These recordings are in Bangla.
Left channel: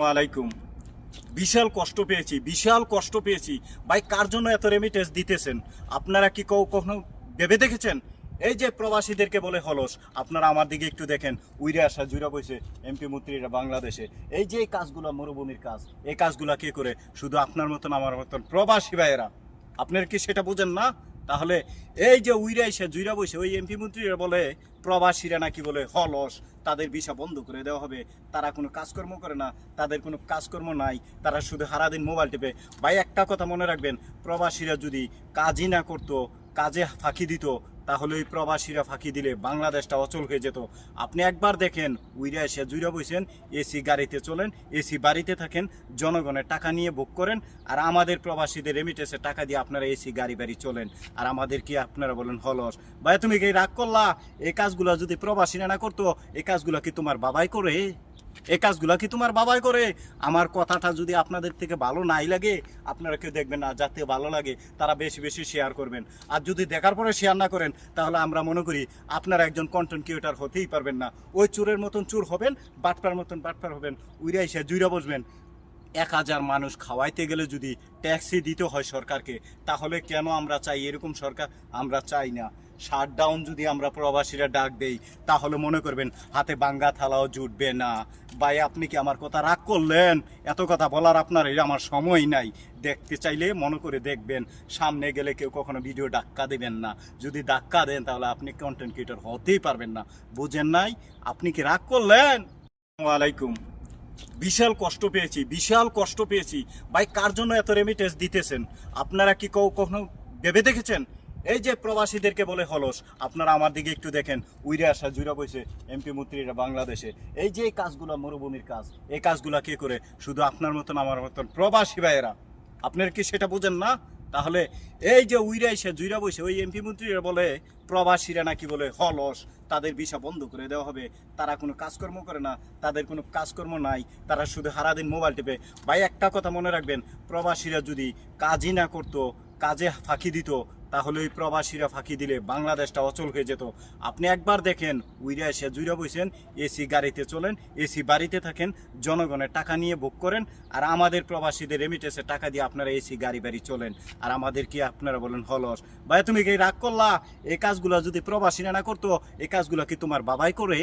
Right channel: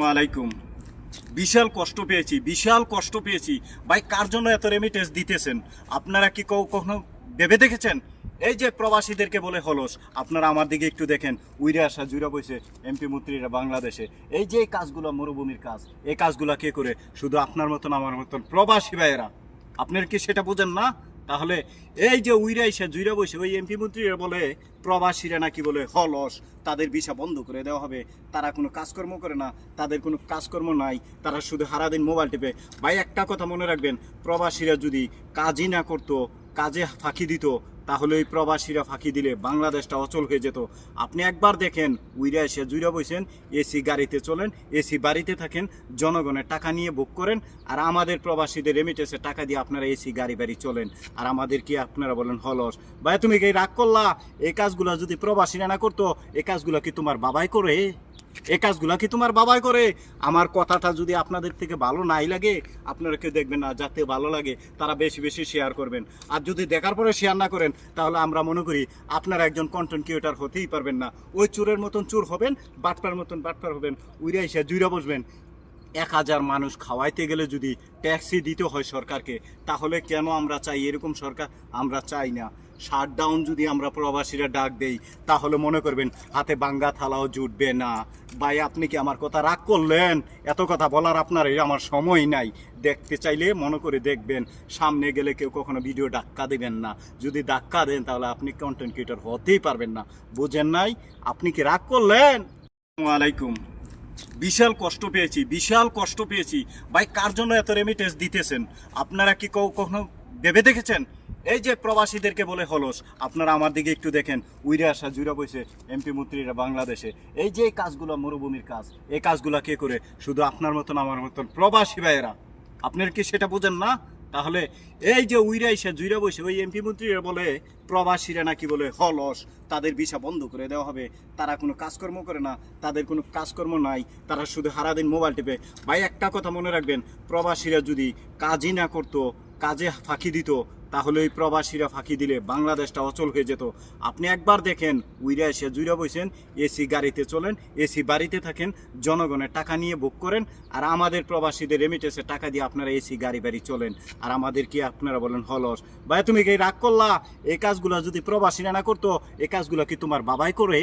ওয়ালাইকুম। বিশাল কষ্ট পেয়েছি ভাই। কার জন্য এত রেমিটেন্স দিতেছেন? আপনারা কি কখনো ভেবে দেখেছেন? এই যে প্রবাসীদেরকে বলে হলস, আপনারা আমার দিকে একটু দেখেন। উইরে আসা জুড়া বইছে এমপি মন্ত্রীরা বাংলাদেশে। এই যে কাজগুলো মরুভূমির কাজ, এই কাজগুলো কে করে? শুধু আপনার মতন আমার মতন প্রবাসী ভাইয়েরা। আপনার কি সেটা বোঝেন না? তাহলে এই যে উইরা এসে জুইরা বসে ওই এমপি মন্ত্রীরা বলে প্রবাসীরা নাকি বলে হলস, তাদের ভিসা বন্ধ করে দেওয়া হবে, তারা কোনো কাজকর্ম করে না, তাদের কোনো কাজকর্ম নাই, তারা শুধু সারাদিন মোবাইল টিপে। ভাই একটা কথা মনে রাখবেন, প্রবাসীরা যদি কাজই না করতো, কাজে ফাঁকি দিত, তাহলে ওই প্রবাসীরা ফাঁকি দিলে বাংলাদেশটা অচল হয়ে যেত। আপনি একবার দেখেন, উইরা এসে জুইরা বইছেন, এসি গাড়িতে চলেন, এসি বাড়িতে থাকেন, জনগণের টাকা নিয়ে বুক করেন, আর আমাদের প্রবাসীদের রেমিটেন্সের টাকা দিয়ে আপনারা এসি গাড়ি বাড়ি চলেন, আর আমাদের কি আপনারা বলেন হলস। ভাই তুমি কি রাগ করলা? এই কাজগুলো যদি প্রবাসীরা না করতো, এই কাজগুলো কি তোমার বাবাই করে? এই কাজগুলো কি তোমার বাবাই করে? আমার কথাটা যদি আপনাদের থেকে ভালো নাই লাগে, আপনারা কেউ দেখবেন না, যাতে ভালো লাগে তারা বেশি বেশি শেয়ার করবেন। আর যদি দেখার পরে শেয়ার না করেন, তাহলে আমরা মনে করি আপনারা একজন কন্টেন্ট ক্রিয়েটর হতেই পারবেন না। ওই চোরের মতন চোর হবেন, বাটপার মতন বাটপার হবেন, উইরা এসে জুইরা বসবেন। 1000 মানুষ খাওয়াইতে গেলে যদি ট্যাক্সি দিতে হয় সরকারকে, তাহলে কেন আমরা চাই এরকম সরকার? আমরা চাই না। শাটডাউন যদি আমরা প্রবাসীরা ডাক দেই, তাহলে মনে করবেন হাতে বাঙ্গা থালাও জুটবে না। ভাই আপনি কি আমার কথা রাগ করলেন? এত কথা বলার আপনার আমার সময় নাই। দেখতে চাইলে মনে করে দেখবেন, সামনে গেলে কেউ কখনো ভিডিও ধাক্কা দেবেন না। যদি ধাক্কা দেন, তাহলে আপনি কন্টেন্ট ক্রিয়েটর হতেই পারবেন না। বুঝেন নাই? আপনি কি রাগ করলেন? ওয়ালাইকুম। বিশাল কষ্ট পেয়েছি ভাই। কার জন্য এত রেমিটেন্স দিতেছেন? আপনারা কি কখনো ভেবে দেখেছেন? এই যে প্রবাসীদেরকে বলে হলস, আপনারা আমার দিকে একটু দেখেন। উইরে আসা জুড়া বইছে এমপি মন্ত্রীরা বাংলাদেশে। এই যে কাজগুলো মরুভূমির কাজ, এই কাজগুলো কে করে? শুধু আপনার মতন আমার মতন প্রবাসী ভাইয়েরা। আপনার কি সেটা বোঝেন না? তাহলে এই যে উইরা এসে জুইরা বসে ওই এমপি মন্ত্রীরা বলে প্রবাসীরা নাকি বলে হলস, তাদের ভিসা বন্ধ করে দেওয়া হবে, তারা কোনো কাজকর্ম করে না, তাদের কোনো কাজকর্ম নাই, তারা শুধু সারাদিন মোবাইল টিপে। ভাই একটা কথা মনে রাখবেন, প্রবাসীরা যদি কাজই না করতো, কাজে ফাঁকি দিত, তাহলে ওই প্রবাসীরা ফাঁকি দিলে বাংলাদেশটা অচল হয়ে যেত। আপনি একবার দেখেন, উইরা এসে জুইরা বইছেন, এসি গাড়িতে চলেন, এসি বাড়িতে থাকেন, জনগণের টাকা নিয়ে বুক করেন, আর আমাদের প্রবাসীদের রেমিটেন্সের টাকা দিয়ে আপনারা এসি গাড়ি বাড়ি চলেন, আর আমাদের কি আপনারা বলেন হলস। ভাই তুমি কি রাগ করলা? এই কাজগুলো যদি প্রবাসীরা না করতো, এই কাজগুলো কি তোমার বাবাই করে?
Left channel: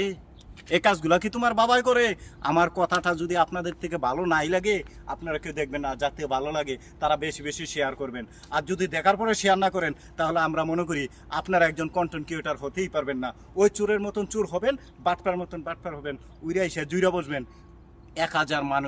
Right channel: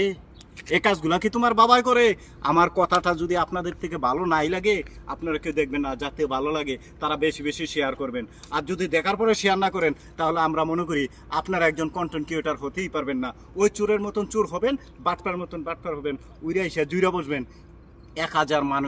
এই কাজগুলো কি তোমার বাবাই করে? আমার কথাটা যদি আপনাদের থেকে ভালো নাই লাগে, আপনারা কেউ দেখবেন না, যাতে ভালো লাগে তারা বেশি বেশি শেয়ার করবেন। আর যদি দেখার পরে শেয়ার না করেন, তাহলে আমরা মনে করি আপনারা একজন কন্টেন্ট ক্রিয়েটর হতেই পারবেন না। ওই চোরের মতন চোর হবেন, বাটপার মতন বাটপার হবেন, উইরা এসে জুইরা বসবেন। 1000 মানুষ